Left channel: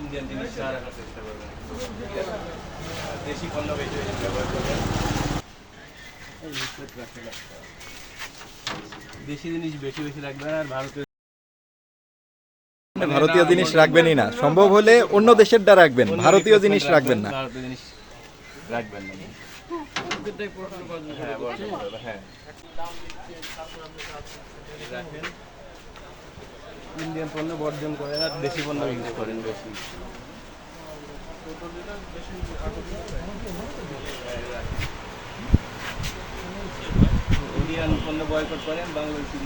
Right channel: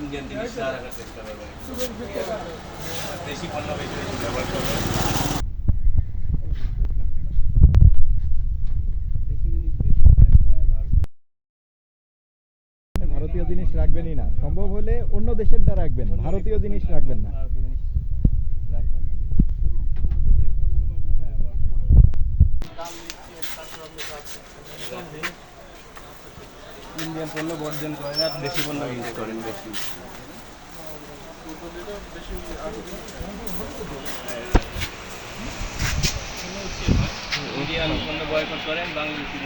Indian জিনিস না রাখার চেষ্টা করবেন। দেশি পণ্য বেশি বেশি ব্যবহার করবেন। দেশি জিনিস বেশি বেশি রাখবেন আর ভারতীয় ভারতীয় জিনিস রাখবেনই না। সম্ভব হলে অন্য দেশেরটা রাখবেন। ভারতীয় জিনিস রাখবেন না। ভারতীয় জিনিস রাখবেন না। ইন্ডিয়ান পণ্য বর্জন করেন আর দেশি পণ্য ইউজ করেন বেশি। ইন্ডিয়ান পণ্য বয়কট করেন, বাংলাদেশি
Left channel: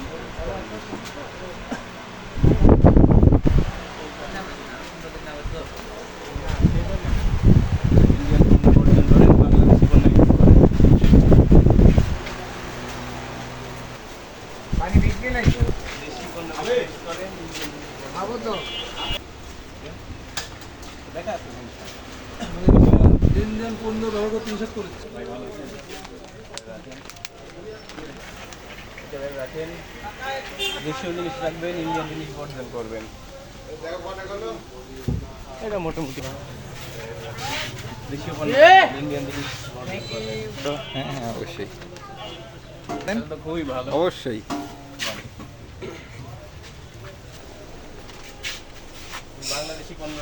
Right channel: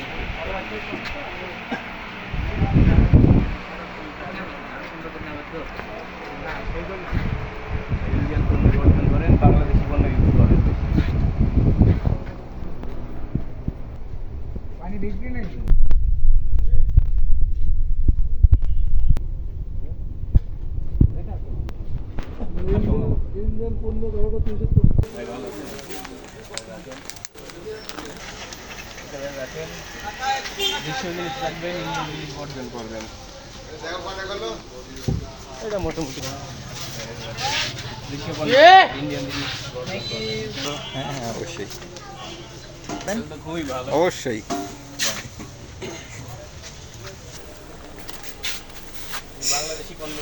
ইন্ডিয়ান পণ্য বর্জন করেন বাংলাদেশি পণ্য ইউজ করেন দেশি পণ্য ইউজ করেন পণ্য ব্যবহার করতে করেছে রাখেন দেশীয় জিনিস রাখবেন ইন্ডিয়ান জিনিস বর্জন করবেন এটা মোটামুটি দেশীয় পণ্য ইন্ডিয়ান জিনিস বর্জন করবেন হ্যাঁ হ্যাঁ অবশ্যই এটা তো খুবই ভালো অবশ্যই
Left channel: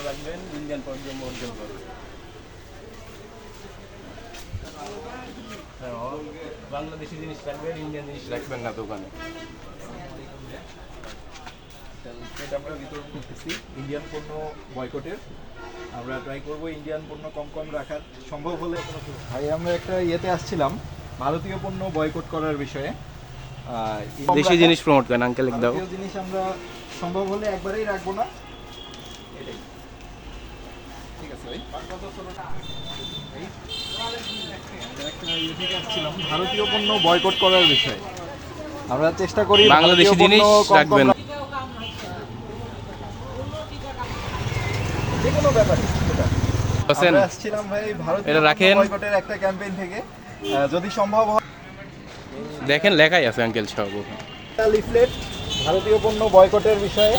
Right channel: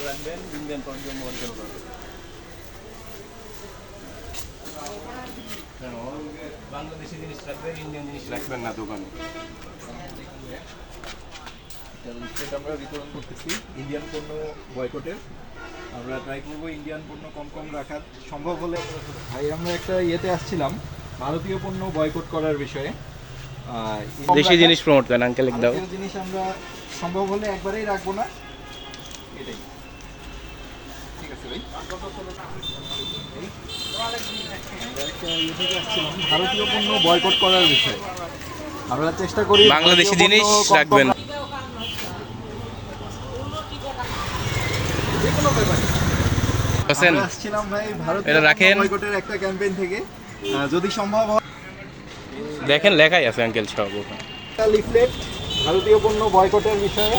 রাখবেন ইন্ডিয়ান করবেন। হ্যাঁ, বাংলাদেশি জিনিস রাখবেন ইন্ডিয়ান জিনিস রাখবেন। না দোকানে। আমরা বিতরণ করতেছি ইন্ডিয়ান পণ্য বয়কটের আমরা ট্রাই করব ইন্ডিয়ান পণ্য কম কম রাখার। সম্ভব হলে ভাই আমরা একটা ইয়েতে আসছিলাম ভারতীয় পণ্য বয়কট করার বিষয়ে। দেশি জিনিস প্রমোট করেন আঙ্কেল দাও। জিনিস আমরা সম্ভব হলে একবারেই রাখব না। এটাই। ঠিক আছে ভাই? এই, একটা থেকে আসছিলাম, ভারতীয় পণ্য বয়কট করার বিষয়ে। আমরা চেষ্টা করি বাংলাদেশি জিনিস রাখবেন। এটা রাখেন। বয়কটের একটা ক্যাম্পেইন থেকে। যদি সম্ভব হয় দেখেন লেখাই আছে আঙ্কেল সব। লিফলেট ভারতীয় পণ্য বয়কটের বিষয়ে।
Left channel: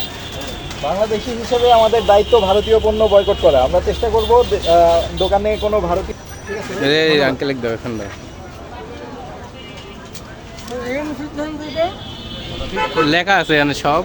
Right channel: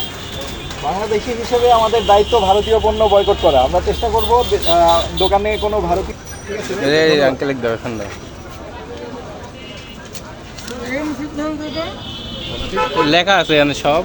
বাংলাদেশি হিসেবে আমাদের দায়িত্ব ভারতীয় পণ্য বয়কট করা। আমরা চেষ্টা করব দোকানে কোনো ভারতীয় লেখা আছে সব।